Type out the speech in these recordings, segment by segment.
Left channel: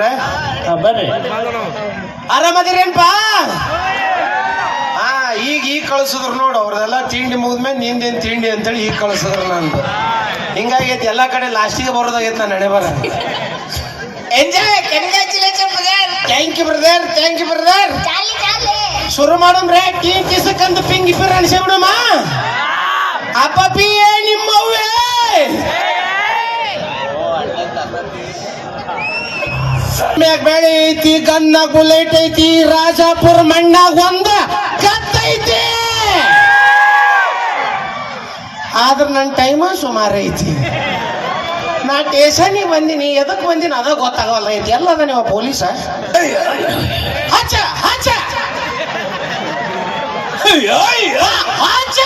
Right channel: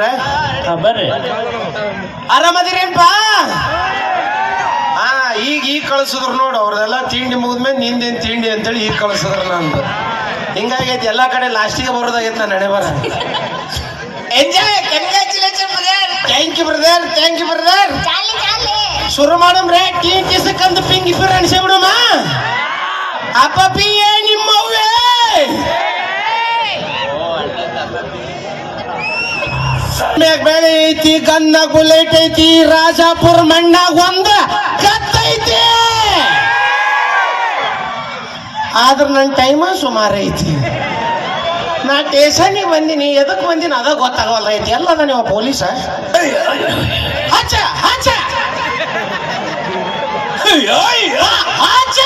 ಸಾಹೇಬ್ರೆ ಬನ್ನಿ. ಬರ್ರಿ ಆರಾಮದಿರೇನ್ಪ? ಹಾ ಈಗ ಈಗ ಕಳ್ಸಿದ್ರು ನೋಡು ಅವ್ರದೆಲ್ಲ ತಿಂಡಿ ಮುಗಿದ್ಮೇಲೆ ನಿಂದೇನ್ ತಿಂಡಿ ಅಂತೇಳಿ ಈಗ ಕಳ್ಸಿದ್ರು ನಂದು. ಹಿಂಗಾಗೈತಿ ಎಲ್ಲಾ ಕಡೆ ಲಾಸ್ಟಿಗೆ ಬರೋದಾಗೈತೆ ನಾನು ನಡೆ ಬರ enjoy congratulation thank you brother thank you brother ಶುರು ಮಾಡಮ್ರೆ ಟೀ ಕಿಸಕ್ಕಂದು ಪಿಂಗ್ ಇಬ್ಬರು ಅನ್ಸಿ ಅಪ್ಪ ಪಿ ಬೆಳೆ ಐತಿ ಗನ್ನಾಗ ಬುಲೆಟ್ ಐತಿ ರಾಜಾಪುರ ಮಣ್ಣಾಗ ಒಂದ ಕತ್ತೈತಿ ಆದ್ರ ನನ್ನ ಟೈಮ ಸುಮಾರು ಐತಿ. ನಾ ಟೇಷನ್ಗೆ ಬಂದಿನಿ ಎದಕ್ಕೆ ಬಂದಿನಿ ಅದ ಗೊತ್ತಾಗಲ್ಲ ಐತಿ ಎಲ್ಲದ ನೀವು ಪೊಲೀಸ ಹಚ್ಚ ಹಚ್ಚ. ಹಚ್ಚ.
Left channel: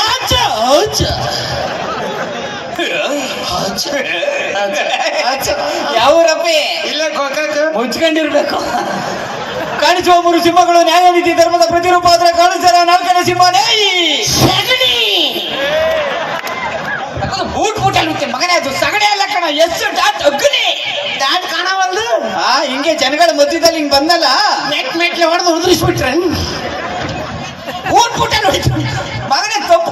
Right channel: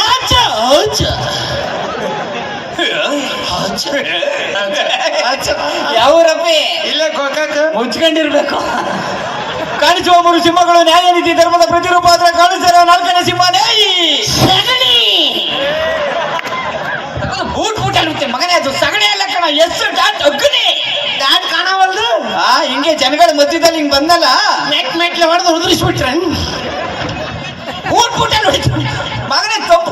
ಹಚ್ಚ ಹಚ್ಚ. ಯಾವೂರಪ್ಪಿ? ಇಲ್ಲೇ ಮುಚ್ಕೊಂಡಿರ್ಬೇಕು. ಕಾಣಿಸುವ ಮೂರು ಸಿಂಹಗಳು ನ್ಯಾಯ ನೀತಿ ಧರ್ಮದ ಪ್ರತಿರೂಪ ಆದ್ರೆ ಕಾಣಿಸ್ತಾರ ನಾಲ್ಕನೇ ಸಿಂಹನೇ ಸಗಣಿ. ಅದು ಬೂಟ್ ಬೂಟ್ ಮಗನೇ ಅದು ಸಗಣಿ ಅಲ್ಲ ಕಣ. ಎಷ್ಟು ಡಾಟ್ ಅಗ್ನಿ. ಡಾಟ್ ಕಾಣವಲ್ದು ಆ ಹಿಂಗೆ ಜನಗಳ ಮಧ್ಯದಲ್ಲಿ ಹಿಂಗ್ ಬಂದಲ್ಲ. ಮೆಟ್ ಮೆಟ್ಲೆ ಹೊಡೆದು ಉದುರಿಸ್ಬಿಟ್ರೆ. ಬೂಟ್ ಬೂಟ ನೋಡಿ ಮಗನೇ ತಪ್ಪು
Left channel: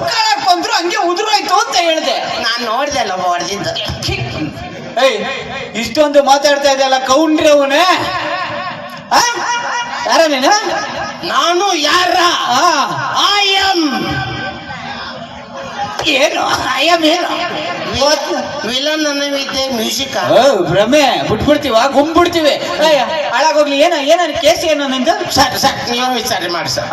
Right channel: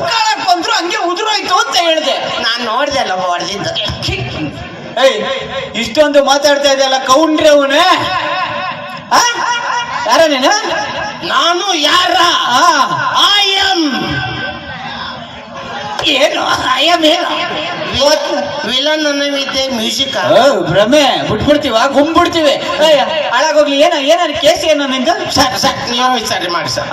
ಹಂಗೆ ಉದುರೋಯ್ತು ಅಂತ ಹೇಳಿದೆ. ನಾನು ನೋಡಿದೆ ಅಲ್ಲ ಹೊಡೆದಿದ್ದು ಏಯ್ ಇಷ್ಟೊಂದು ಮಾತಾಡ್ತಾ ಇದೆಯಲ್ಲ ಕೌಂಡ್ರಿ ಅವನೇ. ಯಾರ ನೀನು? ನಾನು ಯಾರ? ಐ ಎಂ ಏನು ಅಯ್ಯಮ್ ಏನು ವಿಲನ್ ಅನ್ನವಿದ್ದೆ ಮ್ಯೂಸಿಕ್. ಓ, ಭ್ರಮೆ. ಬಿಟ್ಬಿಡ್ತೀವ ಗುಂಬಿಡ್ತೀವಿ. ಏಯ್ ಹಾಳಾಗೋಗ್ಲಿ ಏನ ಏನಾರು ಕೇಸ್ ಏನು ನಿಂದು? ಸರ್ ಸರ್ ನೀವೇ ವಿಚಾರ ಮಾಡಿ ಸರ್.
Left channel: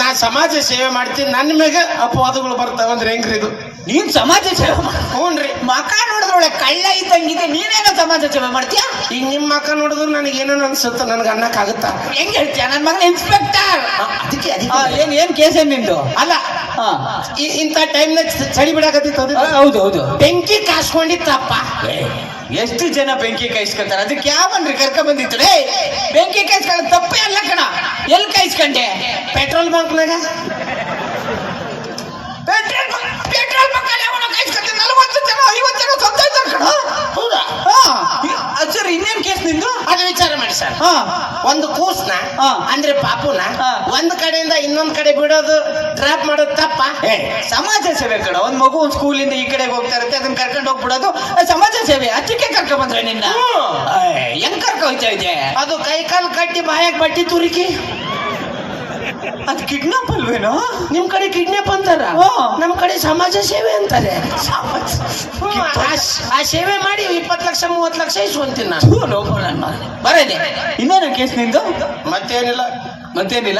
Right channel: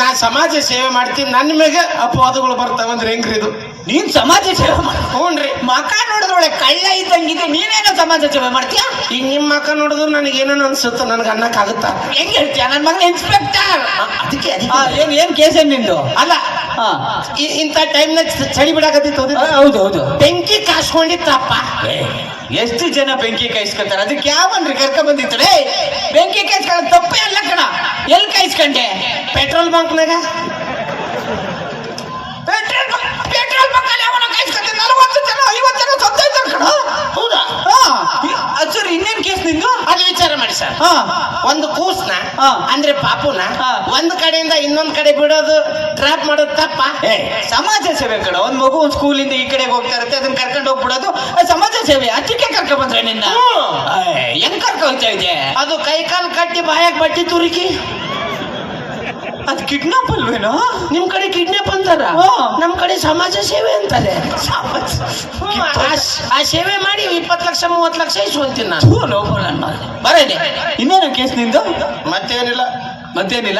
ನಾ ಸಮಾಜ ಸೇವೆ ಮಾಡ್ತೀನಿ. ನನ್ನ ಮೇಲೆ ಅಪವಾದಗಳು ಬರ್ತಾವಂದ್ರೆ ಹೆಂಗ್ರಿ ಇದು? ನೀನ್ ಸಮಾಜ ಸೇವೆ ಮಾಡ. ಹ್ಞೂನ್ರಿ ಮಕ ನೋಡಿದ್ರೊಳೆ ಕಳ್ಳ ಇದ್ದಂಗಿದೆ ನೀನೇನೋ ಸಮಾಜ ಸೇವೆ ಮಾಡ್ತೀಯ? ಈಗ ನಿಮ್ಮ ಮಕ್ಕ ನೋಡಿದ್ರು ನನಗೆ ಏನೋ ಅನ್ಸುತ್ತೆ ನನಗೆ ಅನ್ನಕ್ಕಾಗುತ್ತಾ? ಹೆಂಗ್ ಹೇಳ್ತೀಯ? ನನ್ನ ಮಗ ಇನ್ಸ್ಪೆಕ್ಟರ್ ಅದಕ್ಕೆ ಏನ್ ಏನ್ ಕೇಸ್ ಏನ್ ನಿಂದು? ಅಲ್ಲ ಇಂಥ ಟೈಮ್ನಾಗ ಚಳಿ ಬಿಡಾಕತ್ತಿತ್ತು ಹೌದು ಹೌದು. ಬೆಂಕಿ ಕಾಸ್ಕೊಂಡಿತ್ತಪ್ಪ. ಎಷ್ಟು ಜನ ಬೆಂಕಿ ಕಾಯಿಸ್ಕೊತಾರೆ? ಅದಕ್ಕೆ ಯಾವನ್ರಿ ಕರ್ಕ ಬಂದಿತ್ತು ಬೆಂಕಿ ಕಾಯಿಸ್ಕೊಳ್ಳೋ ತಪ್ಪೇ ಅಲ್ಲ ಕಣ. ಎಲ್ಲಿ ಕಾಯಿಸ್ಕೊಂಡೆ? ಪೆಟ್ರೋಲ್ ಬಂಕ್ನಾಗ ಪೆಟ್ರೋಲ್ ಪೆಟ್ರೋಲ್ ನಲವತ್ತು ಜನ ಐವತ್ತು ಜನ ಸತ್ತೋಯ್ತಾರೆ ಕಣ ಹೌದಾ? ಹಾ. ಸರ್ ಇನ್ನೇನ್ ಕೇಸ್ ನಿಂದು ಅದು ವಿಚಾರ ಮಾಡಿ ಸರ್. ಹಾ. ಒಂದು ಕೂಸ್ನ ಹಾ. ಅಂದ್ರೆ ಪಾಪುನ ಹಾ. ಒಂದ್ ಕಡೆಯಿಂದ ಇನ್ನೊಂದ್ ಕಡೆ ಬಿಡೋದು ಡ್ರಾಪ್ ಮಾಡೋದು ತಪ್ಪ. ಏ, ಸಮಾಜ ಸೇವೆ ಕಣ ಒಂದ್ ಮಗು ಒಂದ್ ಸ್ಕೂಲಿಂದ ಈ ಕಡೆಗೆ ಹೋಗ್ತಾ ಇರುತ್ತೆ ಅದನ್ನ ಕರ್ಕೊಂಡು ಹೋಗ್ಬಿಡೋದು ಅದ್ ಸಮಾಜ ಸೇವೆ ಅದಕ್ಕೆ ಕರ್ಕೊಂಡ್ ಬಂದ್ರೆ ನಿನ್ನ. ಹ್ಮ್. ಏ, ಹೆಂಗ್ ಕರ್ಕೊಂಡ್ ಹೋಗ್ತಾ ಇದೆ ಅದು ಕೈ ಕಾಲು ಕಟ್ಟಿ ಬಾಯಾಗ ಬಟ್ಟಿ ತುರುಕಿ. ಅದು ಕಿಡ್ನಾಪ್ ಅಲ್ವೇನೋ? ನಿಮ್ ಕಡೆ ಕಿಡ್ನಾಪ್ ಅಂತಾರ. ನಮ್ ಕಡೆ ಸಮಾಜ ಸೇವೆ ಅಂತಾರೆ. ಆ- ಸೇವೆ ಮಾಡಿ ಇಪ್ಪತ್ತು ಲಕ್ಷ ಮೂವತ್ತು ಲಕ್ಷ ಇಸ್ಕೊಂತೀನಿ ನಾನು. ಬರದೆ ಇನ್ನೇನು ಕೇಸ್ ನಿಂದು? ಮತ್ತೇನಿಲ್ಲ. ಮತ್ತೇನಿಲ್ಲ?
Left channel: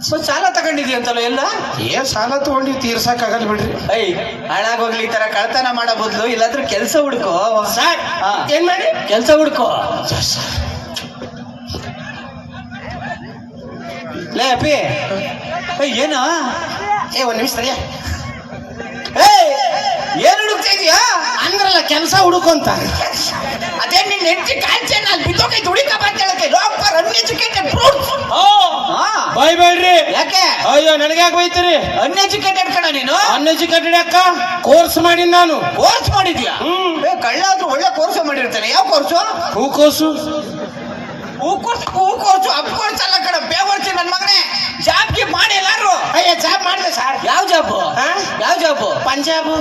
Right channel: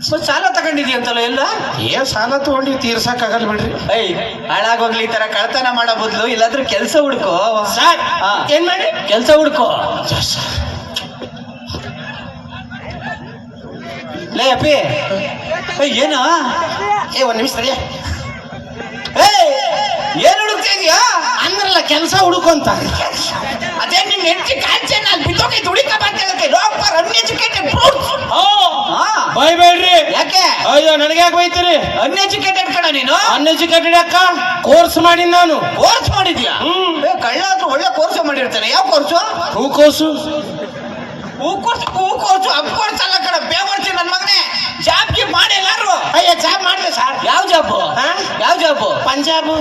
ಸೊ ಸಾಲ ತಗೊಂಡಿದ್ಯಂತಲ್ಲ ಎಲ್ಲ? ಏನ್ ಸಾಲ ತಗೊಂಡಿ ತೀರ್ಸಕ್ ಆಗಲ್ಲ ಬಿಡ್ರಿ. ಐ ಹಾಳಾಗೋಗ್ಲಿ ಈ ತರ ಕಳ್ತನ ಮಾಡೋ ಬದಲು ಇಲ್ಲಾದ್ರೂ ಕೆಲಸ ಹುಡ್ಕೋ. ಏನ್ ಮಾಡಿ ಕೆಲಸ ಹುಡ್ಕೋ. ಲೇ ಅಪ್ಪಿ. ಏಯ್, ಏನು? ಏ ಒಂದು ನಿಮಿಷ ಸರಿಯಾ ಏಯ್ ಏನು ಹುಡುಕ್ತಾ ಇದೀಯಾ? ಅಂದ್ರಲ್ಲ ಕೆಲಸ ಹುಡುಕೊಂತ ಅದೇ ನಿನ್ ಹೆಂಡತಿ ಕಾಲ್ಚೆ ನಾನು ಬಿದ್ದೋಕೆ ದುಡಿಕ ಬರ್ತಾಳಕ್ಕೆ ಡಾಕ್ಟರ್ ಅನ್ಎಜುಕೇಟೆಡ್ ಬೈಬೇಡ್ರಿ ಯಾಕೆ? ಅಯ್ಯೋ ನನಗೆ ಯಾಕೆ ಬೈತೀರಿ? ಅನ್ಎಜುಕೇಟೆಡ್ ಕಣ ನೀನು? ಅನ್ಎಜುಕೇಟೆಡ್ ಅಕ್ಕ ಕೋರ್ಸ್ ಮಾಡಿ ನಾನು. ಕೋರ್ಸ್ ಮಾಡಿದ್ಯಾ? ಹ್ಮ್. ಏ ಕಳ್ಳ ಆದ್ರೂ ಒಳ್ಳೆ ಕೋರ್ಸ್ ಮಾಡಿರ್ತಾನೆ. ಯಾವ ಕೋರ್ಸು ಹೂ ಕೋರ್ಸ್ ಹೂ ಕೋರ್ಸು ಅಪ್ ಕೋರ್ಸ್ ಅಲ್ಲ ಕಣ ಬೇವರ್ಸಿ ನನ್ನ ಮಗನೇ. ಜಾಬ್ಗೆ ಮಾಡಿ ಎಲ್ಲಾರು ಅಯ್ಯ ಜಾಬ್ ಮಾಡಿದೆ ಸರ್. ಯಾವ ಜಾಬು? ಹಾ? ಯಾವ ಜಾಬು? ಪಂಜಾಬು.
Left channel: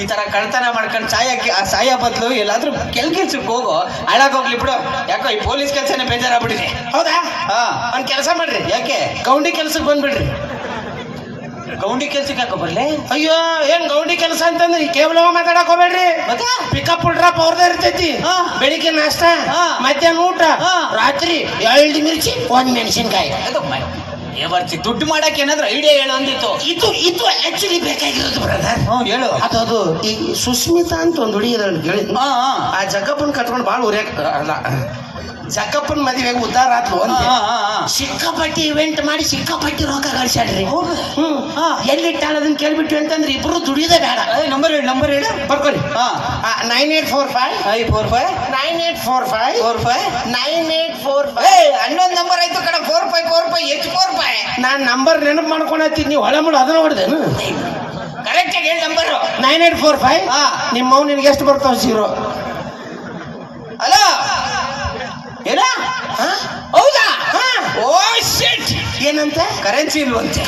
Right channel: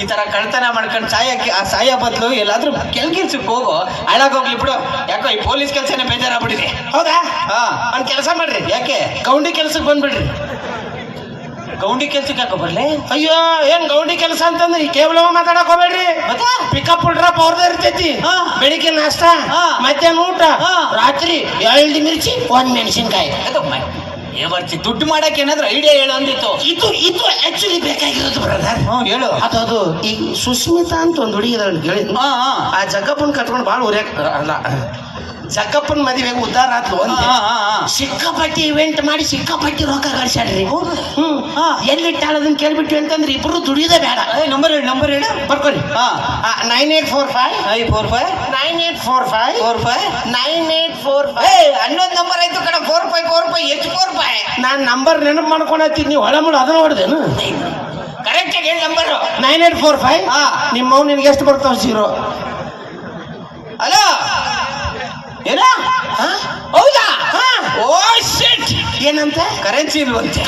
ಈ ತರ ಕಳ್ತನ ಮಾಡ್ಕೊಂಡು ಸಾಯಕ್ಕೆ ಆ ಸಾಯ ಬದಲು ಎಲ್ಲಾದ್ರೂ ಕೆಲ್ ಕೆಲ್ಸಕ್ಕೆ ಹೋಗೋ ಹಾಳಾಗೋಗ್ಲಿ ಬಿಡು. ಯಾಕೋ ಈ ಪೊಲೀಸ್ ಕೆಲಸನೇ ಬೇಜಾರಾಗ್ಬಿಟ್ಟಿದೆ. ಹೌದಾ? ಹಾ. ಒಂದ್ ಕೆಲಸ ಮಾಡ್ರಿ. ಯಾಕೆ? ಗೌಂಡಿ ಕೆಲ್ಸಕ್ಕೆ ಬಂದ್ಬಿಡ್ರಿ. ಗೌಂಡಿ ಕೆಲ್ಸಕ್ಕೆ ಯಾಕೆ ಬರ್ಲಿ? ಅಯ್ಯೋ ಏನ್ ಗೌಂಡಿ ಕೆಲಸ ಅಂತಂದ್ರೆ ಕೇವಲ ಮಾತಾಡಕ್ ಹೋಗ್ಬೇಡ್ರಿ. ಪಿಕಪ್ ಡ್ರಾಪ್ ಅವ್ರದೇ ಇರ್ತೈತಿ. ಹಾ. ಬೆಳಿಗ್ಗೆ ನಾಷ್ಟ ಹಾ. ಮಧ್ಯಾಹ್ನ ಊಟ. ರಾತ್ರಿ ಎರಡು ಮಿರ್ಚಿ ಒಂದ್ ಮೆಣಸಿನ್ಕಾಯಿ. ಮ- ದುಡ್ಡು ಮಾಡಕ್ಕೆ ಏನಾದ್ರು ಐಡಿಯಾ ಹೇಳು ಅಂದಿತ್ತು. ಇದು ಇದು ಆಕ್ಚುಲಿ ಬೇಕಾಗಿರೋದು ಬ್ರದರ್ ಹೇಳು. ಅದು ಅದು ಈ ಸುಸ್ಮಿತಾ ಅಂತ ಒಂದು ಹುಡುಗಿ ಆ ಜಗ್ಗಪ್ಪನ ಕಟ್ಕೊಂಡು ಭಾಳ ಉರಿಯಕ್ ಅಲ್ಲ ಜಕ್ಕಪ್ಪನ ಮದುವೆಗೆ ಉದ್ದಾರ ಆತ್ಲು. ಸಿಕ್ಕಾಪಟ್ಟಿ ಇವೆಂಟ್ ಮಾಡಿ ಸಿಕ್ಕಾಪಟ್ಟಿ ರೊಕ್ಕ ಗಳಿಸ್ಯಾಡ್ರಿ ಹ್ಮ್. ಎಲ್ಲಿಟ್ಟಾಳ ಅದನ್ನ ಕೇಳ್ಬಿಟ್ಟು ಅಂತಂದ್ರೆ ಇಬ್ರು ದುಡಿಯೋದೇ ಬೇಡ. ಏ ನಂಬರ್ ಹೇಳಿ ನಂಬರ್ ಹೇಳಿ. ಬರ್ಕೊಳ್ಳಿ ಹಾ. Nine eight four five I four five nine eight four five four five nine eight four five ಹನ್ನೊಂದು ನಂಬರ್ ಆಯ್ತು ಕಡೆ ಫೋರ್ ಫೈವ್ ಫೋರ್ ಫೈವ್ ಎಷ್ಟು ಫೋರ್ ಫೈವ್ ನಾನು ನಂಬರ್ ನೆನಪು ಮಾಡ್ಕೊಂಡೈತಿ ನೀವು ಹೊಳ ಮುಳು ಅದ ನೋಡ್ದೇನು ಕರೆಕ್ಟ್ ಆಗಿ ಹೇಳಿ number nine eight four five ಹಾ. ನಿಮ್ಮ ನಿನ್ಗೆ ಎಷ್ಟು ಬರ್ತಾವೆ? ಜೀರೋ ಹಲೋ ಏನ? ಹೌದಾ? ಓ ಶಿಟ್ ಏನಂತ? ಕರೆನ್ಸಿ ಇಲ್ವಂತೆ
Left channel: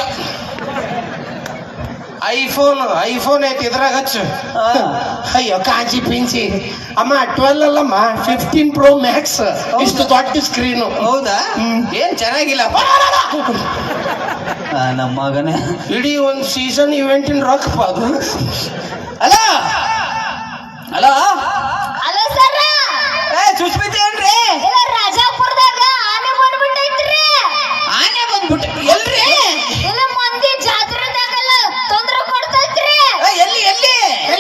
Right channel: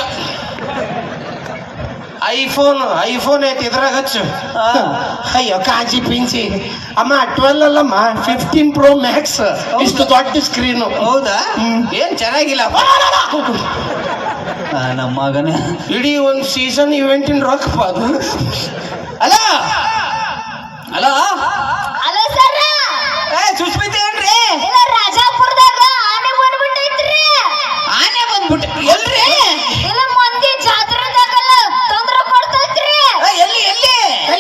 ಐಫೋನ್ ಐಫೋನ್ ಐತಿ ಇದ್ರಾಗ ಹಚ್ಚು. ಹಾ. ಅಯ್ಯೋ ಕಾಜಿ ಪಿಂಚಿ. ಅಮ್ಮ ಟ್ವೆಲ್ ಅಲ್ಲಮ್ಮ? ಫಿಫ್ಟೀನ್ ಪ್ರೋ ಮ್ಯಾಕ್ಸ್ ಇಷ್ಟು ದೊಡ್ಡ ಸ್ಕ್ರೀನು ಹೌದಾ. ಏನ್ ಚೆನ್ನಾಗಿಲ್ಲ? ನಮ್ಮ ಮಗನೇ. ಇಡೀ ಒಂದು ಸೀಸನ್ ಇವೆಂಟಿನ ರೊಕ್ಕಪ್ಪ ಅದು. ಅಲ್ಲ ಅಲ್ಲ ಸುಸ್ಮಿತಿ ಸರ್ ಏ ಸುಸ್ಮಿತ ಏನ್ರಿ ಇಲ್ಲ ರಾಜಾಪುರದಾಗ ಆನೆ ಬಂದ್ಬಿಟ್ಟೈತ್ರಿ ಆನೆ ಬಂದ್ಬಿಟ್ಟು ಎಲ್ರಿ ಇಲ್ಲ ಮಂದಿ ಜಾತ್ರೆದಾಗಲ್ಲ ತೊಂದ್ರೆ ಕೊಡ್ತೈತ್ರಿ ಏ, ಎಲ್ಲಿ ಎಲ್ಲಿ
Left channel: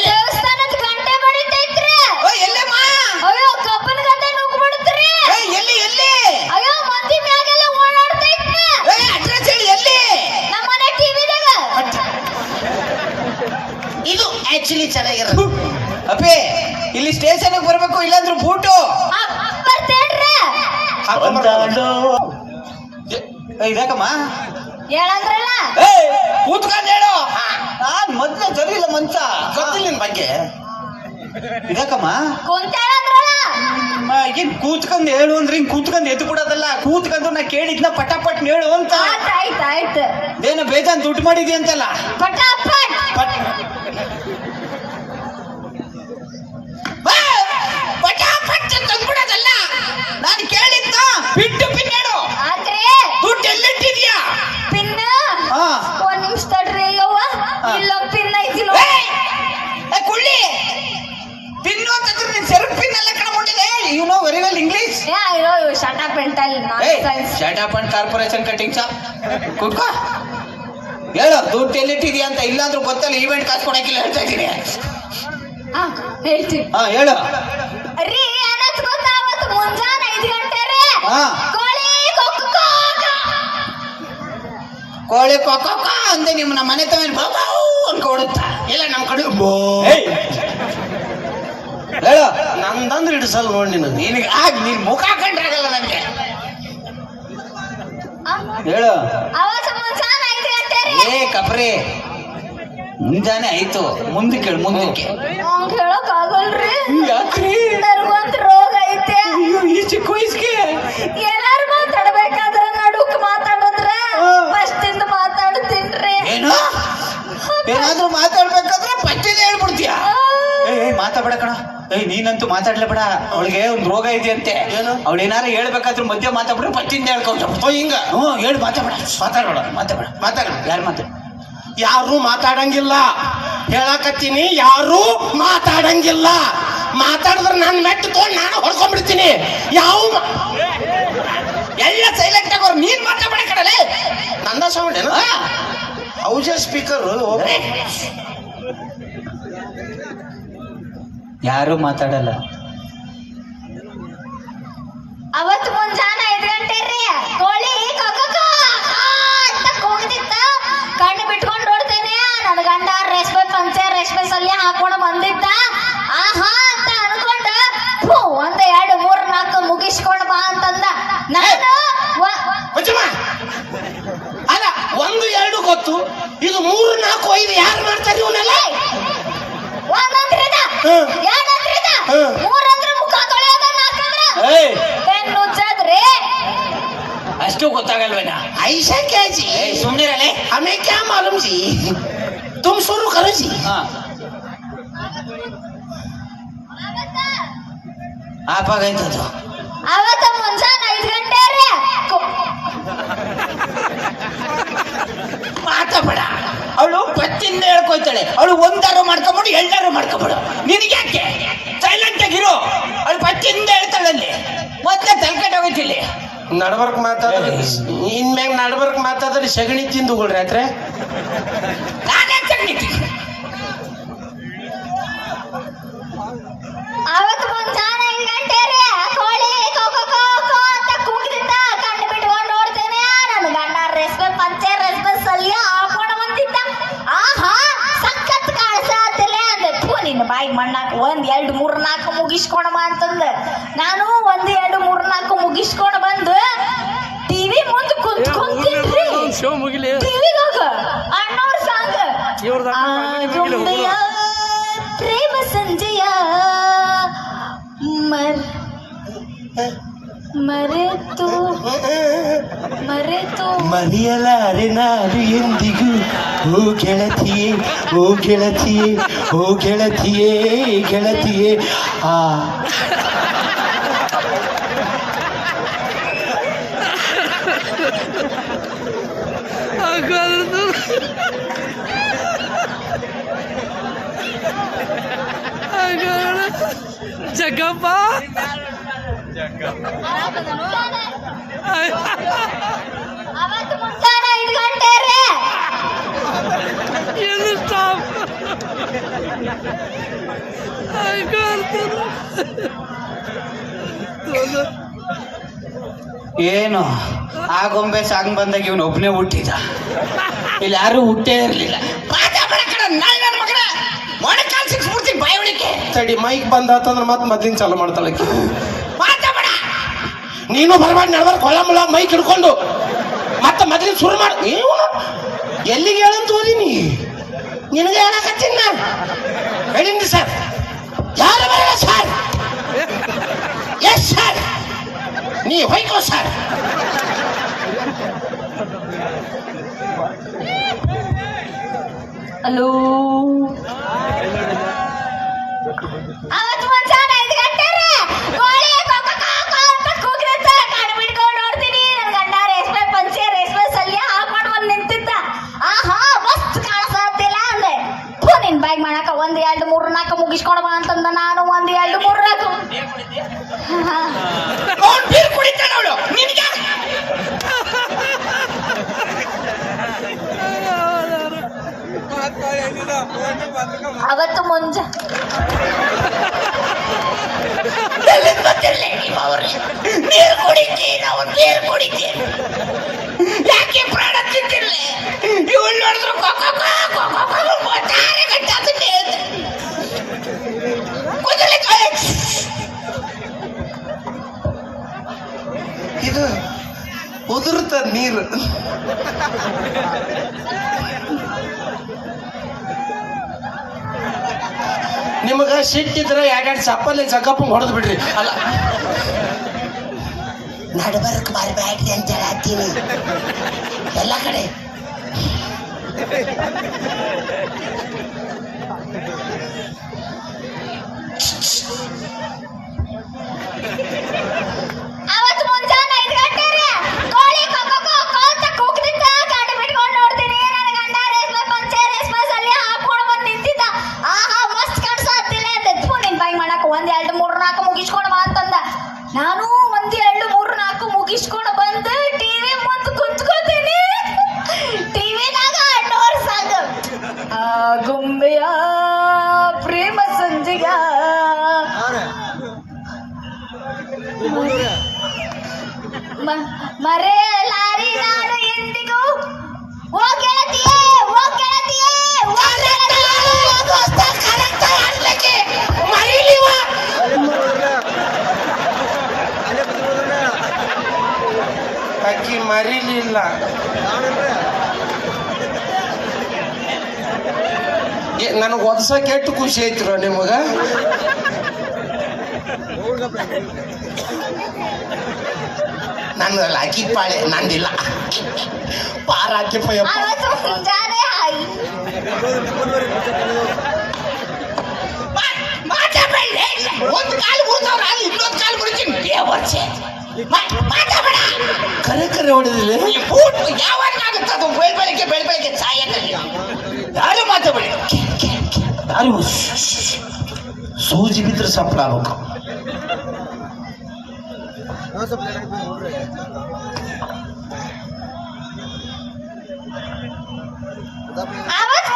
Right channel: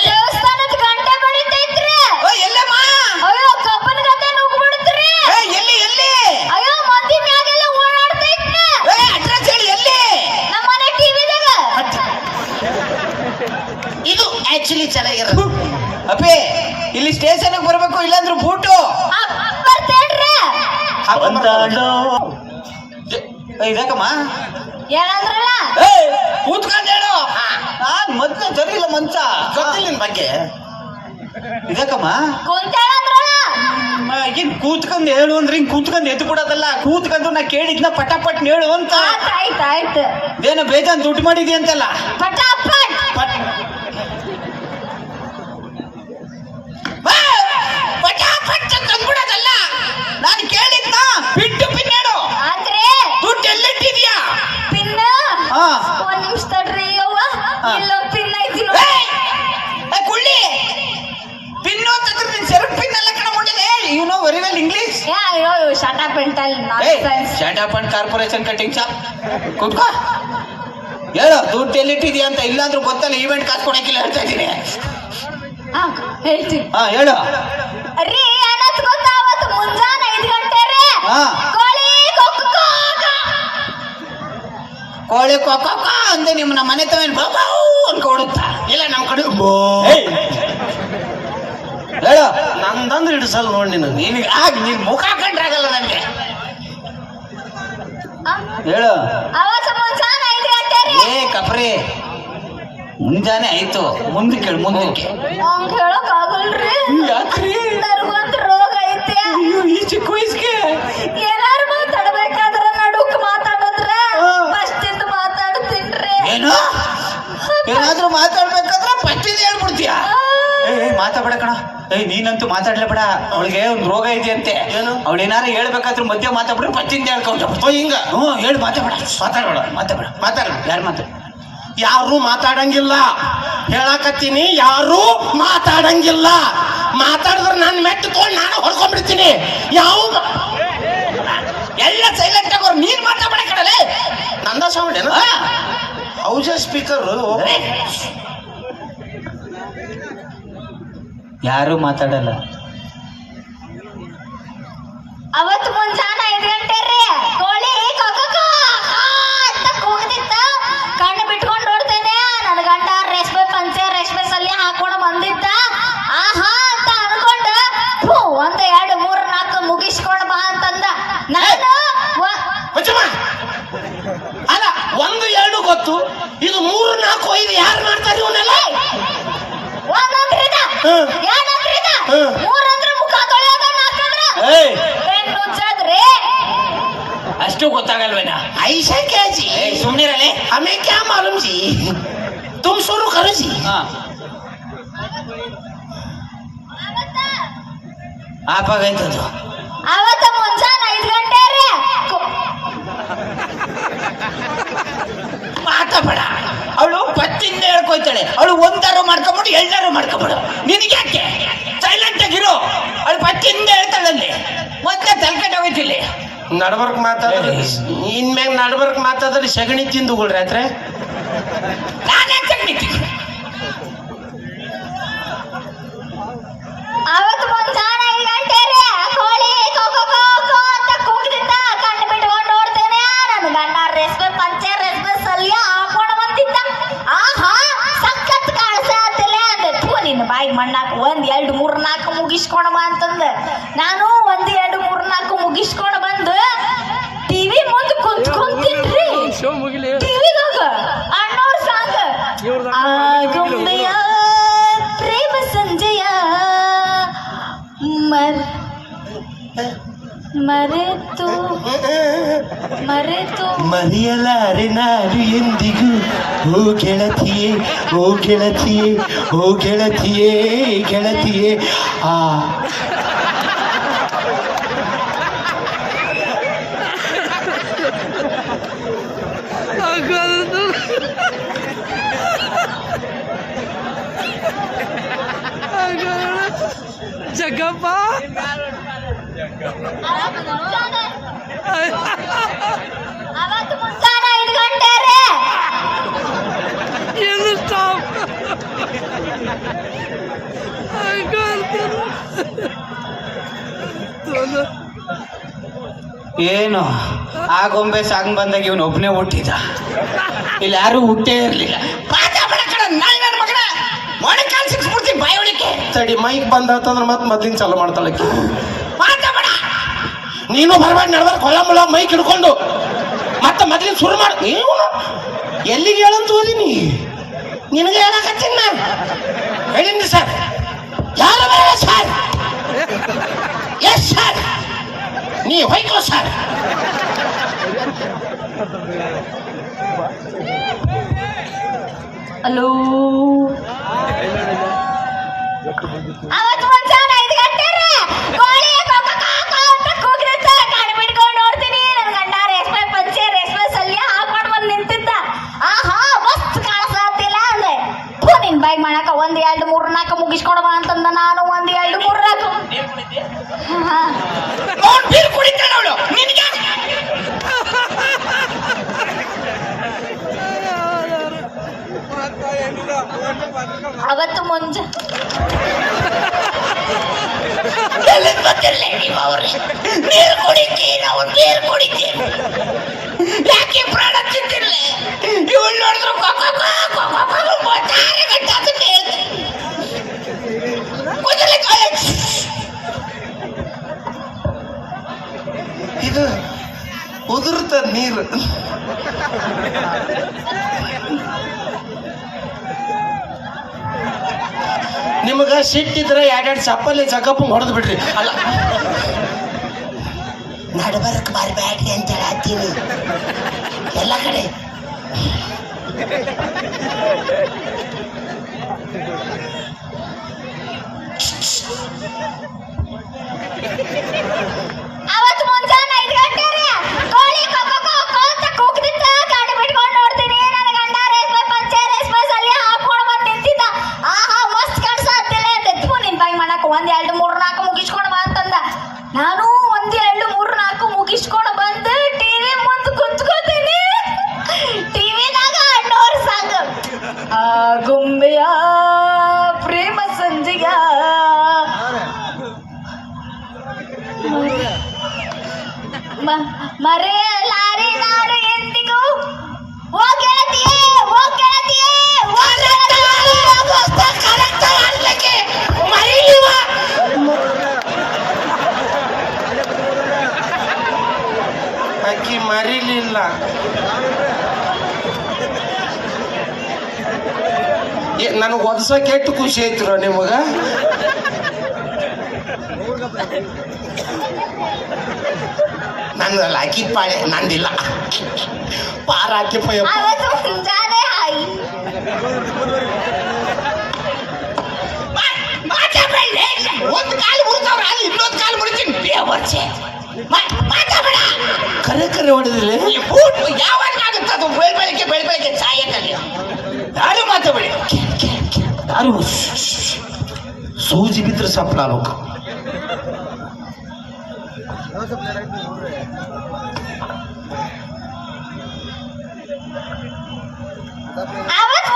ದೇವಸ್ಥಾನದ ಗಂಟೆ ಬಡಿತೈತ್ರಿ ಓ, ಎಲ್ಲಮ್ಮ ಅಯ್ಯೋ ಕಬ್ಬನ ಗದ್ದೆ ನುಗ್ಬಿಡುತ್ರಿ ಏ, ಎಲ್ಲಿ ಎಲ್ಲಿ ಅಯ್ಯೋ ಮಂದಿ ಮ್ಯಾಗೆಲ್ಲ ಓಡಾಡ್ತೈತ್ರಿ ಏ, ಅಡ್ರೆಸ್ ಹೇಳಿ ಎಲ್ಲಿ ನಮ್ಮ ಮನೆ ಟಿವಿದಾಗ ಇದು ಆಕ್ಚುಲಿ ಚೆನ್ನಾಗಿರೋದು ಅಪ್ಪಿ ಇಲ್ಲಿ ಸ್ಟೇಷನ್ ಬರ್ಬೇಕು ಇಲ್ಲಾಂದ್ರೆ ಬೂಟು ಬರ್ತೇನ್ರಿ ಏ, ಇದಕ್ಕಮ್ಮ ಹೇಳಂದ್ರಲ್ಲ? ಏ ಕೂತ್ಕೊಂಡ್ ಹೇಳು. ನಾನ್ ಮೊದ್ಲು ಸರಿ ಇಲ್ಲ ಮಂಚ ಗೊತ್ತಿಲ್ಲ ನಿನ್ ಬಗ್ಗೆ ಆ, ಏನ್ ಕೂತ್ಕೊಂಡ್ ಹೇಳು ಅಂದ್ರೆ ಹಿಂಗ್ ಕೂತ್ಕೊಂಡ್ ಎದ್ದು ಕೊಡೋದಲ್ಲ ಕೂತ್ಕೊಂಡು ನಾ ಕೇಳಿದ್ನ ಪಟಾಪಟ್ ಹೇಳು ಅಂತ. ಆಯ್ತು ಏನೋ ಬೇಜಾನ್ ದುಡ್ಡು ಮಾಡಿದಿ ಅಂತಲ್ಲ. ಪಟಾಪಟ್. ಪಟ್- ಅಂದ್ಬಿಡೋದಲ್ಲ ನಾನು ಕೇಳಿದ್ನ? ಬಿಟ್ಟು ಪಿನ್ ಹೇಳು ಆತ್ರಿ ದುಡ್ಡು ಎಲ್ಲಿಟ್ಟಿದ್ಯಾ ಪಿನ್ ಹಾ ಒಂದ್ ನಿಮಿಷ ತಡ್ರಿ ಯವ್ವ. ಇಲ್ಲ ಇಲ್ಲೊಂದ್ ಪಿನ್ ಐತಿ ನೋಡಿ. ಏಯ್! ಏ, ಕುಳ್ಳಿ! ಪಿನ್ನು ಅಂತಂದ್ರೆ ನೀನ್ ಸೆರಗ್ ಪಿನ್ ಎಲ್ಲ ಕಣ ಮುಟ್ಟಿದೆ you know very well English ಏ ಅಯ್ಯೋ ಶಟ ಪೆಂಟಲ್ ಶಟ್ ಶಾಟ್ ಅಂಡ್ ಕಾರ್ಪೊರೇಷನ್ ಕಟಿಂಗ್ ಶಾಪ್ ಹೇಳೋ ಹೇಳು ದುಡ್ಡು ಎಲ್ಲಿಟ್ಟಿದ್ಯಾ ಅಂತ ಇಲ್ಲಾಂದ್ರೂ ಗೊತ್ತಲ್ಲ ಈವೆಂಟ್ ಕಾಸು ಕೊಡಕ್ಕಿಲ್ಲ ಹೇಳ್ತಾ ಇದ್ದೀನಿ. ಹಾ ಹೇಳ್ತೀನಿ. ಹಾ ಹೇಳು. ರೀ ಏನತ್ ಗೊತ್ತಾ ಅವತ್ತು ಮುಂಜಾನೆ ಐದು ಗಂಟೆ ರೀ ಹಾ. ಕೋಳಿ ಕೊಕ್ಕ ಕೋಳಿ ಕೊಕ್ಕ ಅಂದೆ ನಿಮ್ಮ ನಮ್ಮ ಮನೆ ತವೇನು ಅನ್ಕೊಡುತ್ತ ಅನ್ಕೊಡುತ್ತಾ ಇಲ್ಲ ನಮ್ಮ ಕಡೆ ಬೋ. ಹೇಳು. ನಂದಂದ್ರೆ ಹಿಡಿಸಲ್ ನೋಡಿ ನೀನು. ನೀನು ಆಗ ನೀನ್ ಮುಖ ಕಂಡ್ರಾಗಲ್ಲ ನನಗೆ ಹೇಳು. ಏ ಕಪ್ರಿ. ಮುಂಜಾನೆ ಆಯ್ತು. ಮುಂದಕ್ಕೆ ಹೇಳು ಮುಂದಕ್ಕೆ ಯಾಕ್ರಿ? ಏ ಏ, ಮಾತಾಡ್ಬೇಡ ಕಣ. ಏಯ್ ನೀನಂತೂ ಮಾತಾಡ್ಲೇಬೇಡ ಅವಳಿಗೆ ಒಂದು ರೋಗ ಇದೆ ಅಂತೆ ಏನು? ಅವಳು ಏನಾರು ಹೇಳ್ಬೇಕಾದ್ರೂ ಮಧ್ಯ ಮಾತಾಡ್ಬಿಟ್ರೆ ಪಟ್ಟಿಂದ ಹೇಳ್ಕೊಂಡು ಓ ಹಿಂಗ. ಹ್ಞೂ ಹೇಳಿ ಮಾತಾಡ ಮಾತಾಡೋಣ ಮಾತಾಡ ಮಾತಾಡ ಯಾರು ಮಾತಾಡ? ಯಾರು ಮಾತಾಡಂಗಿಲ್ಲ. ಹೇಳಕತ್ತೀನಿ ಯಾರು ಮಾತಾಡಂಗಿಲ್ಲ. ಮಾತಾಡಿದ್ರೆ ನಾನು ಮೆಟ್ಟು ತೊಗೊಂಡು ನಾನು ಹೊಡ್ಕೊಂಡ್ಬಿಡ್ತೀನಿ. ಯಾವ ಎಲ್ಲ ಸೈಲೆಂಟ್ ಆಗೋರು ನೀನ್ ಮಾತಾಡ್ಬೇಡ ಕಡಲೆ ನಂದ ಸೌಂಡ್ ಏನು? ಸ್ಪೀಕರ್ ಸ್ಪೀಕರು ಯಾರು ಮಾತಾಡಲ್ಲ. ಅವತ್ತು ಮುಂಜಾನೆ ಐದು ಗಂಟೆ ರೀ ಕೋಳಿ ಕೊಕ್ಕ ಅಂತ ಕಣ್ಣು ಬಿಟ್ಕೊಂಡು ಓಡ್ತೇನೆ. ನನ್ನ ಗಂಡ ರೇಷ್ಮೆ ಪಂಚೆ ರೇಷ್ಮೆ ಸಲ್ಯ ಹಾಕೊಂಡು ಬಂದಿದ್ದ. ಆಹಾ ಅಂತ ಅನ್ಕೊಂಡ ಫು, ಒಂದ್ ಎರಡು ಮೂರ್ ನಾಲ್ಕು ಮುಗಿಸ್ಕೊಂಡು ಬಾ ಅಂತಂದ. ನಾನು ಅಲ್ಲ ಒಂದು ಎರಡು ಗೊತ್ತು. ಇದು ಮೂರು ನಾಲ್ಕು ಐದು ಯಾರು ಮಾಡ್ತಾರೆ ಇವನ್ನೆಲ್ಲ ಒಂದಂದ್ರ ಇದ ಹ್ಮ್. ಎರಡಂದ್ರ ಇದ ಹ್ಮ್. ಮೂರಂದ್ರ ಮುಖ ತೊಳೆಯೋದ ನಾಲ್ಕಂದ್ರ ಏಯ್ ಬೆನ್ನು ಉಜ್ಜದ್ರಿ ಅಷ್ಟು ಗೊತ್ತಾಗಲ್ವೇನ ऐसा क्या जी ಏಯ್ ಸುಮ್ನಿರಲೆ हमें क्या मालूम जी तुम शुरू करो जी ಹಾ ಆಪಾಗೈತದು ಅವತ್ತ ಮುಂಜಾನೆ ಐದು ಗಂಟೆ ರೀ ಕೊ- ಮಾತಾಡ ಅವಳು ಪತ್ತಿಂದ ಹೇಳ್ಕೊಯ್ತಾಳೆ ಅವಳು ಒಂದಾರು ಮಾಡ್ಕೊಂಬಿಡು ಎಲ್ಲಾರು ಮಾಡ್ಕೊಂಬಿಡು. ನಿನಗೆ ಯಾಕೆ? ಸೈಲೆಂಟ್ ಆಗಿರೋ ಅವಳು ಪತ್ತಿಂದ ಹೇಳ್ತಾಳಲ್ಲಿ. ಮತ್ತೆ ತಲ್ಕಡೆ ಹೋಗ್ತಿಲ್ಲ ನಡ್ಬರ್ಕ್ ಮಾತಾಡ್ರಿ. ಇನ್ಮ್ಯಾಗ ನಡ್ಬರ್ಕ್ ಮಾತಾಡ್ರಿ ಸಗಣಿ ತಿಂದು ರಾತ್ರಿ. ನಾನೇ ತಗ್ನಿತೀನಿ ಅವತ್ತು ಮುಂಜಾನೆ ಐದು ಗಂಟೆ ರೀ ಕೋಳಿ ಕೋ. ನಾನು ಒಂದ್ ಎರಡು ಮೂರ್ ನಾಲ್ಕು ಮುಗಿಸ್ಕೊಂಡ್ ಬಂದು ಟಿವಿ ಮುಂದೆ ಕುಂತ್ ಕುಂತಿನ್ರಿ ಶೋ ಮುಗಿಲಿ. ಟಿವಿದಾಗ ಅಣ್ಣವ್ರ ಸಾಂಗ್. ಆಗುಂಬೆಯ ಪ್ರೇಮ ಸಂಜೆಯ ಮರ್ ಮರೆತು ಮರೆತು. ಮರೆಯಲಾರೆ ನಾನು ಎಂದಿಗೂ ಓ ಗೆಳತಿಯೇ ಓ ಗೆಳತಿಯೇ ಓ ಗೆಳತಿಯೇ ಗೆಳತಿಯೇ. ಆ ಜಗ್ಗಪ್ಪ. ಏನು ಸ್ಟಾಪ್ ಏನು? ಆ ಗೊಂಬೆ ಸಾಂಗ್ ಬಂದಾಗ ಇವನು ಒಬ್ಬನೇ ಹುಟ್ಟಿದ. ಇಲ್ಲಿ ಯಾರು ಹುಟ್ಟೇ ಇರ್ಲಿಲ್ಲ. ತಡಿ ಮೈಕ್ ಬಂದಾತಂದ್ರೆ ಮತ್ತೆ ಮೊದ್ಲಿನ ಚಾಲು ಮಾಡ್ತಾಳೆ ನೀನು ಬರಬೇಡ ನಡ್ಬಾರ ಕೊಲ್ಲ ಮುಳ ಮೈಕ್ ಹಿಡ್ಕೊಂಡು ಮತ್ತೆ ಮೊದ್ಲಿನ ಶುರು ಮಾಡ. ನೀವು ಎಲ್ಲಿಗೆ ಹೇಳಂತ ಓದಿನಿ? ನಿನಗೆ ಹೇಳಕತ್ತೀನಿ ನಾನು. ಹೇಳಿನಿ ಸರ್ ಯಾರು ಬರಲ್ಲ ಸರ್ ಎಸ್ ಸರ್ ನೀ ಹೋಯ್ಕೋ ಸರ್ ಹಲೋ ಬಾಯ್ ಮಾಡಾಕ ಒಂದ್ ಎರಡು ಮೂರು ನಾಲ್ಕು ಮುಗಿಸ್ಕೊಂಡು ಬಾ ಅಂತಂದ ನಾನು. ಒಂದ್ ಎರಡು ಮೂರು ನಾಲ್ಕು. ಕುಡಿತಾಳೆ ಅವಳು ನಿನ್ಗೆ ಅವತ್ತು ಮುಂಜ ಎಲ್ಲಿಂದ ಬಂದಿರ್ಲಿ ನೀವು ನೀರು ನೀರು ಕುಡಿತೀರ ಯಾಕೆ ಪ್ರಾಣ ತಿಂತಿರ್ಲಿ ಇವಳು ನೋಡಿದ್ರು ಇದು ಉದುರ್ತ ನೀರು. ನಿಮಗ ಸಿಟ್ಟಿದ್ರೆ ಎರಡೆರಡು ಚಪ್ಪಲಿ ಜಗಪ್ಪ ಹೊಡೆದು ಬಿಡ್ರಿ. ಅಲ್ಲ. ನಡಬರಕ್ ಬರಬೇಡ್ರಿ ಅಂತ ಹೇಳತ್ತೀನಿ ಎಲ್ಲ ಕಡೆ. ನನಗೆ ಒದಸ ಕೆಟ್ಟು ಖುಷಿ ಐತ್ರೋ ನಿಮಗ. ನಂದಲ್ಲ ಅಕ್ಕಿ ಪಾಳೆ ನಂದಿಲ್ಲ. ಪಾರ ಹಾಕಿ ಪಯ್ಯಪ್ಪ. ಅವತ್ತು ಮಾತಾಡಬೇಡ ಒಂದು ಕಾಲು ಮುಡ್ತಾವ್ರ ಅಲ್ಲಿ ಇನ್ನೊಂದು ಕಾಲು ಮುಡಿತೀನಿ ಬೇ ಮಾತಾಡಬೇಡ ಕರೆ ಕರೆ ಹೊಡೆದಿಲ್ಲ ಯಾವಾಗ ಆಗುತ್ತೆ ಅದು? ಬೆಳ್ ಬೆಳಗ್ಗೆ ಬೆಳ್ ಬೆಳಗ್ಗೆ ಯಾರು ಮಾತಾಡಬೇಡಿ? ಯಾರು ಸೂಜಿ ಬಿದ್ರೆ ಸಪ್ಲ ಆಗ್ಬೇಕು ಅವತ್ತು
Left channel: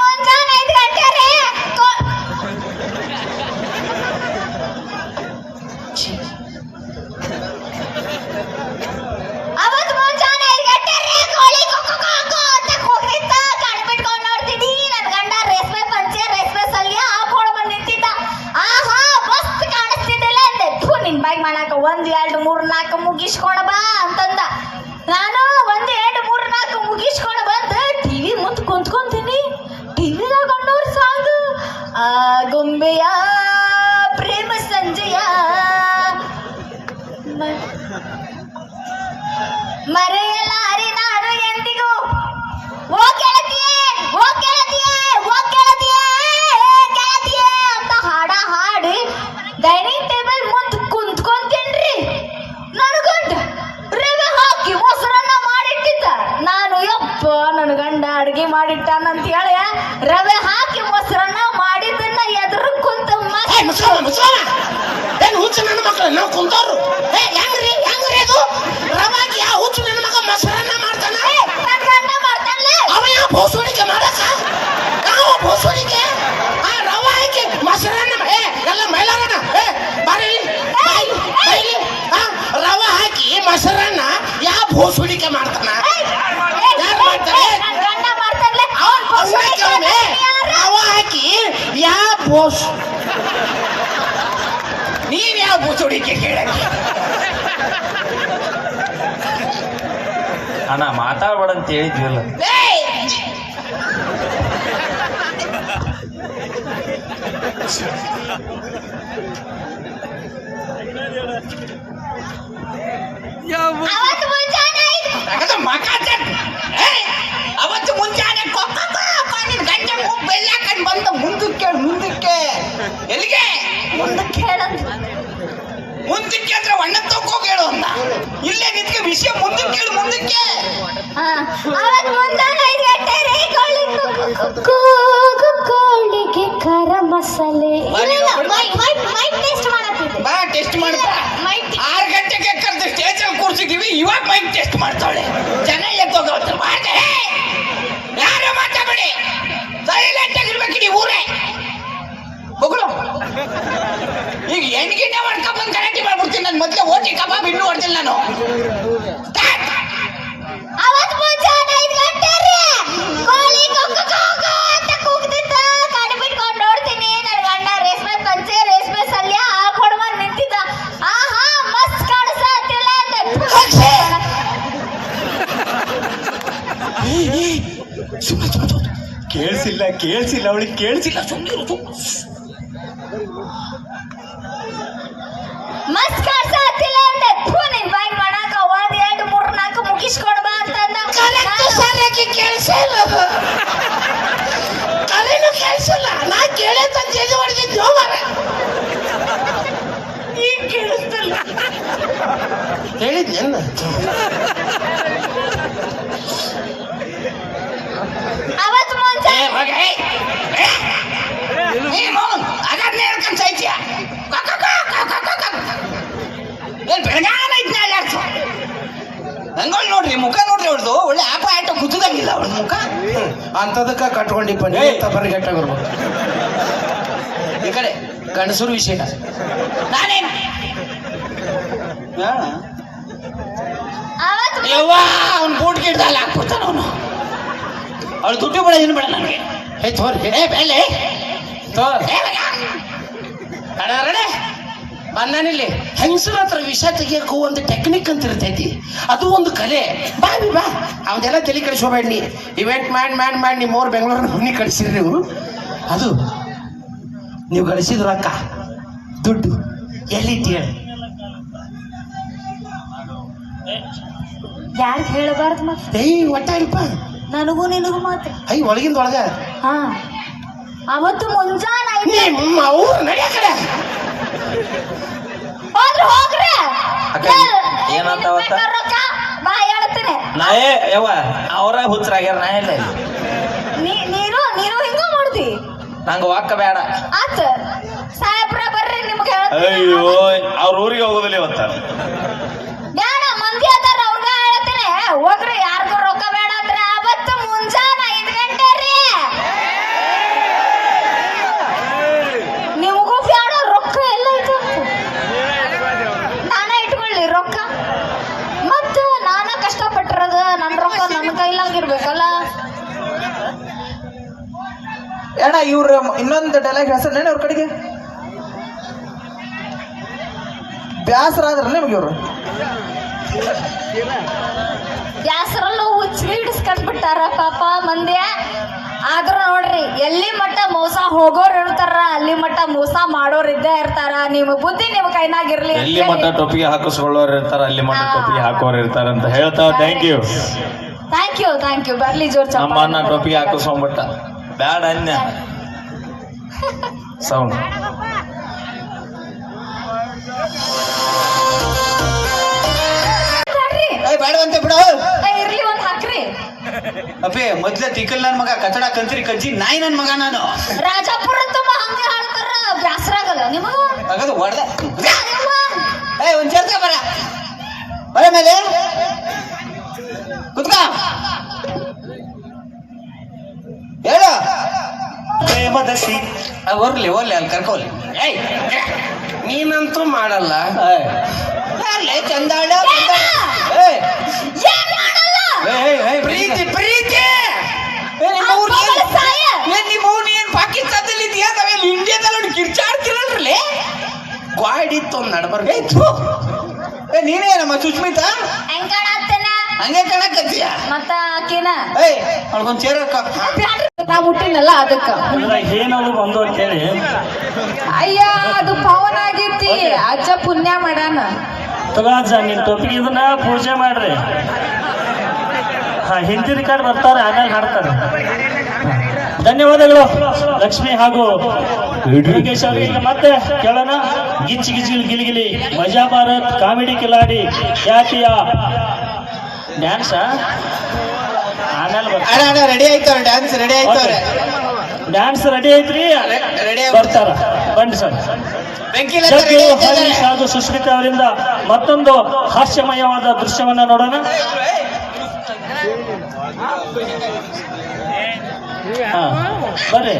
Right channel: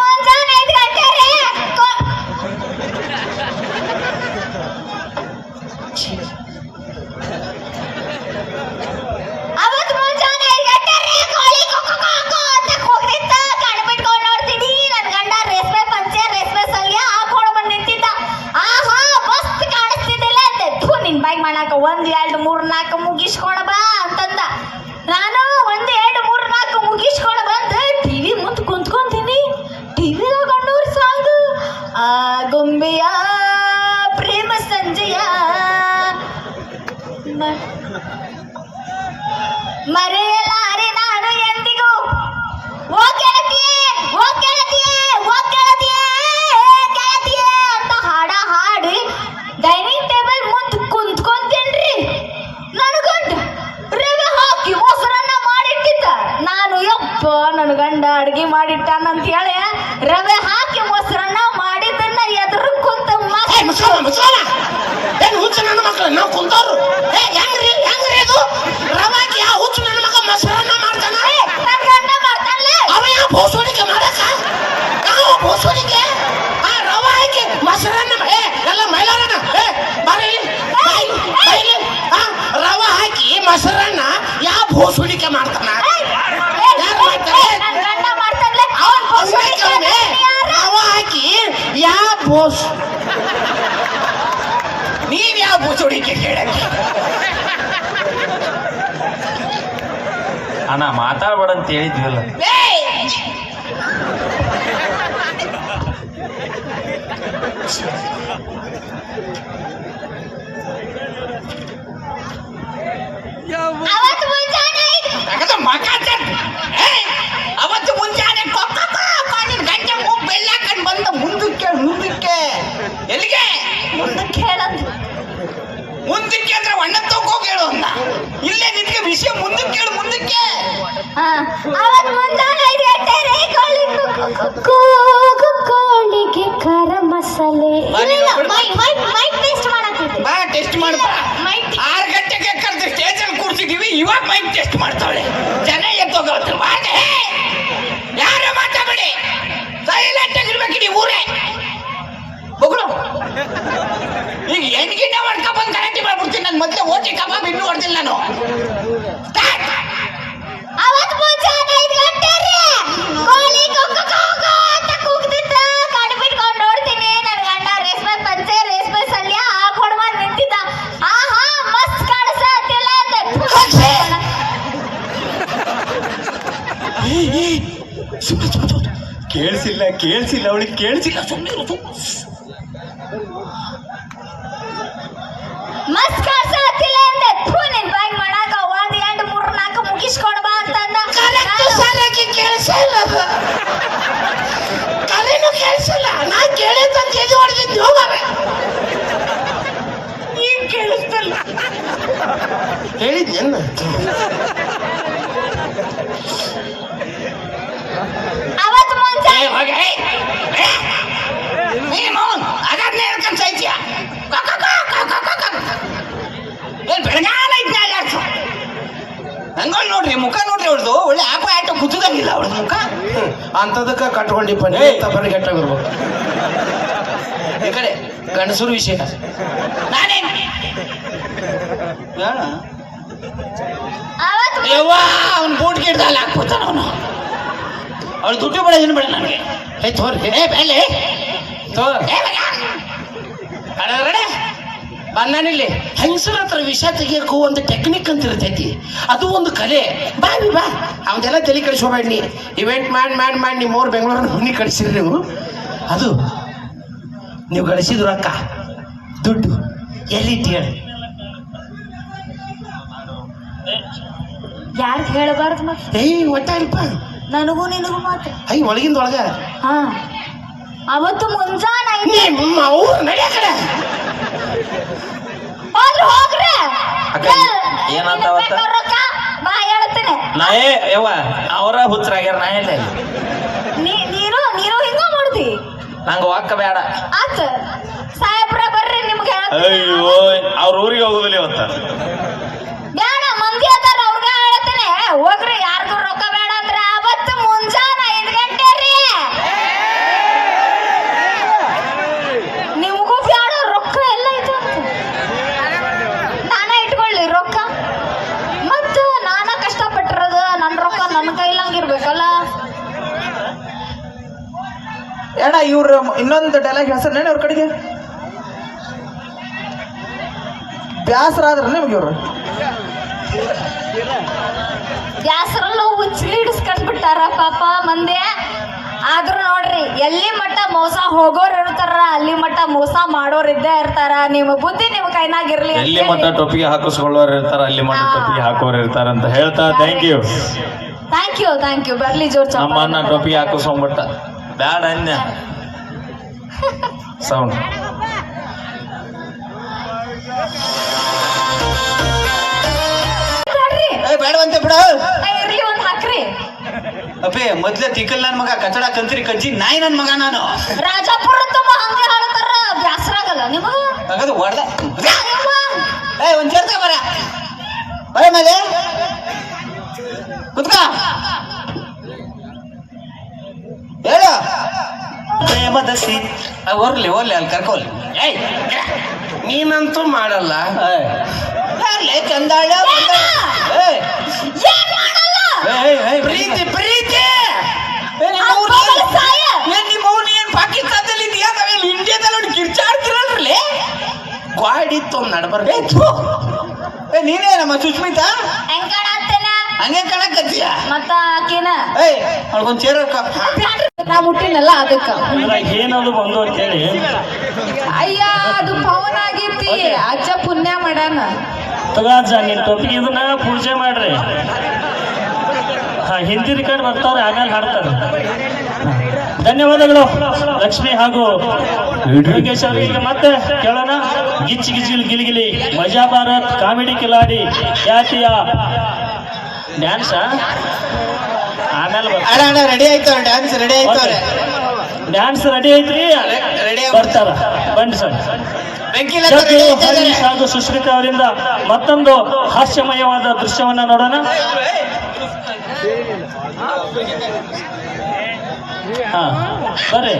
ಮೊಸರನ್ನ ಯಾವ ಬೋಸೋಡಿಕೆ ಮಾಡ್ತಾನ ರವ ಹಾಕಿ ಯಾವ ಬೋಸ್ ನೀವ್ ಯಾವ ಬೋಸೋಡಿಕೆ ಕೇಳ ಅಣ್ಣ ಮಾತಾಡ್ಬೇಡ ಅಂತ ಹೇಳಿದ್ವಿಲ್ಲ Thank ಅವತ್ತು ಮುಂಜಾನೆ ಐದು ಅವತ್ತು ಮುಂಜಾನೆ ನಿನ್ ಗಂಟೆ ಮೂಗ್ ಬೆಳ್ಳಾಕಂಡ್ ಬಂದ ಮುಂದಕ್ಕೆ ಮುಂದಕ್ಕೆ. ಎಲ್ಲಿಗೆ? ಮುಂದಕ್ಕೆ ಹೇಳಂದ್ರು ಮುಂದಕ್ಕೆ ಅಂದ್ರೆ ಒಣ್ಣ ತಗೋ ಹೇಳು ಅನ್ನ ಇಲ್ಲೇ ನಿನ್ಗೆ ವಿಷಯ ಮುಂದಕ್ಕೆ ಹೇಳು ಮುಂದಕ್ಕೆ. ಅವತ್ತು ಮುಂಜಾನೆ ಐದು ಗಂಟೆ ರೀ ಕೋಳಿ ಕೂಗು ಕೋಳಿಗೆ ಖರ ಮಸಾಲೆ. ಮೈಕ್ ಮೈಕ್ ಮೈಕ್ ಟೆಸ್ಟ್ ಮಾಡತ್ತಿದ್ದೆ. ಬಾ ಟೆಸ್ಟ್ ಮಾಡ್ತಾ. ಮೈಕ್ ಆರು ಇವಾಗ ಮೈಕ್ ಟೆಸ್ಟ್ ಮಾಡ್ತಾಳೆ ಜನ ಎದ್ದೋಗವ್ರೆ ಮಾತೆ ಯಾರು ಮಾತಾಡಬೇಡಿ. ಸೈಲೆಂಟ್ ಆಗಿರ್ಬೇಕು ಈ ಊರೇ. ಬೊಗಳು. ಈಗ ಹೆಣ್ಗಿನ ಮಾಡ್ಕೊಂಡ್ ಬಂದು ಗಲಾಟೆ ಮಾಡ್ಬಿಡ್ತೀನಿ ನನ್ನ ಮೊದಲೇ ಓಟಿ ಕಬಾಬ್ ಇನ್ನೂ ಹೊಡ್ದಿಲ್ಲ ನಾನು. ಸ್ಟಾರ್ಟ್ ಅವತ್ತು ಮುಂಜಾನೆ ಐದು ಗಂಟೆ ರೀ ಕೋಳಿ ಅಂತ ಕೇಳಿಸಿಲ್ಲ ಕೇಳಿಸಿಲ್ಲ ಅವಳಿಗೆ ಕೇಳಿಸಿಲ್ಲ. ಮಸ್ತ್ ಕಾಣಿಸತ್ತಿಲ್ಲ ಅಂತ ಥೂ ನಿನ್ ಬಾಯಿ ಮಾಡಾಕ ಒಂದ್ ಎರಡು ಮೂರು ನಾಲ್ಕು ಮುಗಿಸ್ಕೊಂಡು ಬಾ ಅಂತಂದ ಸರಿಯಾಗಿ ಕೇಳಿಸಿಲ್ಲ ಅದು. ಕಲೆನೂ ಕೇಳಿಸಿಲ್ಲ. ನಾ ಕೇಳಿದ್ದ ತೇಜ್ ಹೊಡೆದಿದ್ದು ಈಗ ಕೇಳಿಸ್ತಿಲ್ಲ. ಹೇಳಿದ್ದೇನು ಅವತ್ತು ಮುಂಜಾನೆ ಏ, ಹೋಗೆ, ಏ, ಏ. ನೀನು ಅದನ್ನೇ ಹೇಳ್ಕೊಂಡ್ ಸಾಯ್ತೀಯ. ಕ, ಕ, ಕ, ಕ, ಕ, ಕ, ಕ. ಏನ್ ಬೆಳಗಾನ ಇದ್ನ ಅಲ್ಲಾಡ್ಸು. ಹಂಗೋಳ್ ನೋಡ್ರಿ ಮುಖ ನೋಡ್ರಿ ಅವ್ರದ್ದು ಒಳ್ಳೆ ಆಪ ಆಟ ಕುತ್ತದಂಗಿಲ್ಲ ಅವ್ರದ್ದು ಮುಖ? ಅಂತದಕ್ಕ ಕಟ್ಕೊಂಡಿಪ್ಪ ನೀ ತಪ್ಪನ ಬರ್ಬೇಕು ಈ ಕಡೆ ಗಂಡಸರು ವಿಷಯ ನಾನೇನು? ಯವ್ವ ಅವ್ನ ಬೂಟ್ ಗಿಡ್ದಲ್ಲಿ ಹಾಕ್ಬಿಡ್ತಾನ ಅವನು. ಅವ್ಳು ದುಡ್ಡು ಬೇಡ ಏನು ಬೇಡ ನನಗೆ. ಹೇ ತೋರ್ ಏ ಬೆಲೆ ತೋರ್. ಏ. ಬಂದಾನಿಲ್ಲಿ ಹೆಂಗಸರ ಹತ್ರ ವಿಷ ತೆಗಿಯಕ್ಕೂ ಒಂದು ಟೆಕ್ನಿಕ್ ಅಂತ ಇರ್ತೈತಿ. ಅದು ಒಂದು ಕಲೆ. ಬಾ ಬಿ ಬಾ. ಅವನ್ನೆಲ್ಲ ತಲೆ ಕೆಡಿಸ್ಕೋಬೇಡ ನೀ ಇವೆಂಟ್ ಮಾಡಿ ಮಾಡಿ ಮಾಡಿ ನಿಮ್ಮ ಅವ್ರು ಬೆಂಗಳೂರು ಹುನಿ ಕಳಿಸಿರಿ ನೀವು. ಅದು ನೀವು ಗಳಿಸಿದ್ರು ಅಕ್ಕ. ದುಡ್ಡು. ಎಲ್ಲಿತ್ತು ಹೇಳಿ? ಯಾರು ಹೇಳಬಾರ್ದು ಮತ್ತೆ ಏಯ್ ಒಟ್ಟ ಇಲ್ಪ. ನನಗೂ ನಿನಗೂ ಮಾತ್ರ ಐ ಒಳಗಿಂದ ಒಳಗ. ಹಾ. ಅವತ್ತು ಮುಂಜಾನೆ ಐತಿ ನಿಮ್ಮ ಅವ್ರು ನಡೆಯ ಕಡೆ. ಹೋಗ್ರೆ? ಏನಾತ ಅವತ್ತ? ರೊಕ್ಕ? ಬಾ ಹೇಳ್ತೀನಿ. ನಾ ಏ ಯವ್ವ ಅವರ ಹುಚ್ಚರಾಗ್ಯಾರ ನಾ ಎಲ್ಲ ನೀ ನೀನು ನೀನು ಹಿಂಗ ಮಾಡ್ದಿ. ನಂಗೆ ವಾಕ ಬೇಡ. ಆತ. ಸಾಹೇಬ್ರ ಬರ್ರಿ ನಿಮ್ಗೆ ಅಯ್ಯೋ ಅವ್ರ ಊರಿಗೆ ಹೋಗೋದಿಲ್ಲ ಇವತ್ತ. ಬೇಡ ಮಂದಿ ಅದಾರ ಅವ್ರಿಗೆ ಹೇಳ್ತೇನೆ. ಹೋಗ್ರಿ ಯಾರಿಗೂ ರೊಕ್ಕ ಬೇಡ ಅಂದ್ರೆ ಅವತ್ತು ಮುಂಜಾನೆ ಐದು ಗಂಟೆ ರೀ ನಿಮಗೂ ಬೇಡ ರೊಕ್ಕ ಎಲ್ಲ ಐತೆ ನಾನೇ ಇಟ್ಕೊಳ್ಳಿ ರೊಕ್ಕ ಮತ್ತು ನಾನ ಕಷ್ಟಪಟ್ಟಿರೋದು ನನ್ನ ರೊಕ್ಕ ನನ್ನ ಕೈಲಂಗಿರ್ಬೇಕಲ್ಲ ಅಣ್ಣ ಇವ್ರ ಇನ್ನೊಂದು ಡೈಲಾಗ್ ಹೇಳ್ಸನೇನು ಅವ್ರ ಕಡೆಗೆ. ಬ್ಯಾಸರ ಆದ್ರ ನಿಮ್ಗೆ ಇವ್ರು. ಬ್ಯಾಸರಲ್ಲೂ ಬಿಟ್ಟಾರ ಪಾಪ ಮಂದಿ. ಆದ್ರ ನೋಡ್ರಿ ಎಲ್ಲಿ ಮಟ್ಟ ಮೋಸ ಹೋಗೋರ್ ಇರ್ತಾರ ಅಲ್ಲಿ ಮಟ್ಟ ಮೋಸ ಮಾಡೋರ್ ಇದ್ದೇ ಇರ್ತಾರ. ನಿಮ್ ಬುದ್ಧಿ ನಿಮ್ ಕೈನಾಗ ಇರ್ಲಿ ಎಲ್ಲಿ ಮಟ್ಟ ಟೊಪ್ಪಿಗೆ ಹಾಕಿಸ್ಕೊಳ್ಳೋರು ಇರ್ತಾರ ಅಲ್ಲಿ ಮಟ್ಟ ಟೊಪ್ಪಿಗೆ ಹಾಕೋರು ಇರ್ತಾರ ಅಂತ ಹೇಳ್ತಾ thank you thank you thank you ಬರ್ಲಿ ಜೋರ್ ಚಪ್ಪ ನಮ್ಮನ್ನ ಟೊಪ್ಪಿಗೆ ಹಾಕಿಸ್ಕೊಂಡ್ಬಿಟ್ಟ. ಬ್ಯಾಡ ಅನ್ಯ. ಸೌಂಡ್ ಬ್ಯಾಡ್ರಿ. ಏ ಬೇಡವಂತೆ ಬಿಡು ಏ, ಇರ್ಲಿ ಒಂದ್ ಹಾಕ್ರಿ ಅಪ್ಪೇ ಮೊದ್ಲೇ ತಿಕ್ಕಲ್ ನನ್ ಮಗ ಕಚಡ ಕಂತ್ರಿ ಕಜ್ಜಿ ನಾಯಿ ನನ್ ಮಗ ನಾನು ರಾಜಾಪುರ ತುಂಬ ಹಂಗೆ ಹಾಡ್ತಾರ ಬ್ಯಾಸರ ಆಗಲ್ಲ ನಿಮಗ ತಗದು ಹೊಡ್ದ ಏ ಒಂದ್ ಸೇರ್ಕ ಬರ ಬರ ಮೇಲೆ ಕುತ್ಕ ಹೇಳು ಪ್ರೇಮದ ಸಿ ಹೊರ್ಲಿ ಹೋಗ್ಲಿ ಅಲ್ಲಿ ಕರ್ಕೋಲಿ ಏಯ್ ನೀನಂತೂ ಮಾಡಲ್ಲ. ಚಂದಾಳ ಪ್ರೀತಿ ಪ್ರೀತಿ. ನಿಮ್ಮ ಏನ್- ಪಾಕಿಸ್ತಾನದಲ್ಲಿ ಇದೆಯಾ? ನಾವೇನು ಇಂಡಿಯಾದಲ್ಲಿ ಒಂದು ಕಿರ್ಚಾಡ್ತಿರಲ್ರಿ ಗಾಡಿತ್ತು ಒಂದ್ ಏ ನಡ್ಬರ್ಬೇಕು ಥು. ಏ ನೀನೇ ನಮ್ಮ ಸುಸ್ಮಿತಾ? ಹೆಂಗ್ ಕಾಣಕತ್ತೀಯ? ಮತ್ತ ಆಕಿನ? ಏಯ್ ಅವ್ಳಿಗೊಂದು ಚೇರಕ್ಕ. ನಾ ಮುಟ್ಟಿನಲ್ಲ ಅದಕ್ಕ ಏನದು ಬಂದು ಅಂತೇಳಿ. ಅಯ್ಯ ಅದು ಪವನ್ ಆಗೈತಿ ಅಜ್ಜ ಪುಣ್ಯ ಮಾಡ್ಯಾನ ತಗಾಜ ನಿಮ್ ಟೊಪಿಗೆ ಇದನ್ನ ಪೂಜೆ ಮಾಡ್ರಿ. ಹಾ ಹಿಂದಿ ರಿಕಾರ್ಡ್ ಬರ್ತಾರೆ ಆಮೇಲೆ ಹಾಡ್ತಾರೆ. ಧನ್ಯವಾದಗಳು ಲಕ್ಷ್ಮಿ ಹಾಗೂ ಯೋಗೇಶ್ ಅವರಿಗೆ. ಮತ್ತೆ ಕೇಳೋಣ. ಗಿಚ್ಚಿ ಗಿಚ್ಚಿ ಗಿಲಿಗಿಲಿ ಮಜಾ ಭಾರತ್ ಕಾಮಿಡಿ ಕಿಲಾಡಿ ಖ್ಯಾತಿಯ ಡ್ಯಾನ್ಸ. ಅಣ್ಣ ಅಣ್ಣ ರೆಡಿ ಆಯ್ತು ಡ್ಯಾನ್ಸ್ ರೆಡಿ ಆಯ್ತು ಡ್ಯಾನ್ಸ್ ರೆಡಿ ಐತ್ರಿ? ರೆಡಿ ಬರ್ತಾರ. ಬನ್ನಿ ಸರ್. ಹಾಗೂ ಸುಶ್ಮಿತಾ ಅವರಿಂದ ಮತ್ತೊಂದು ಹಾಸ್ಯಮಯವಾದ ದೃಶ್ಯವನ್ನ ನೋಡೋಣ. ಹಾ ಬರ್ರಿ.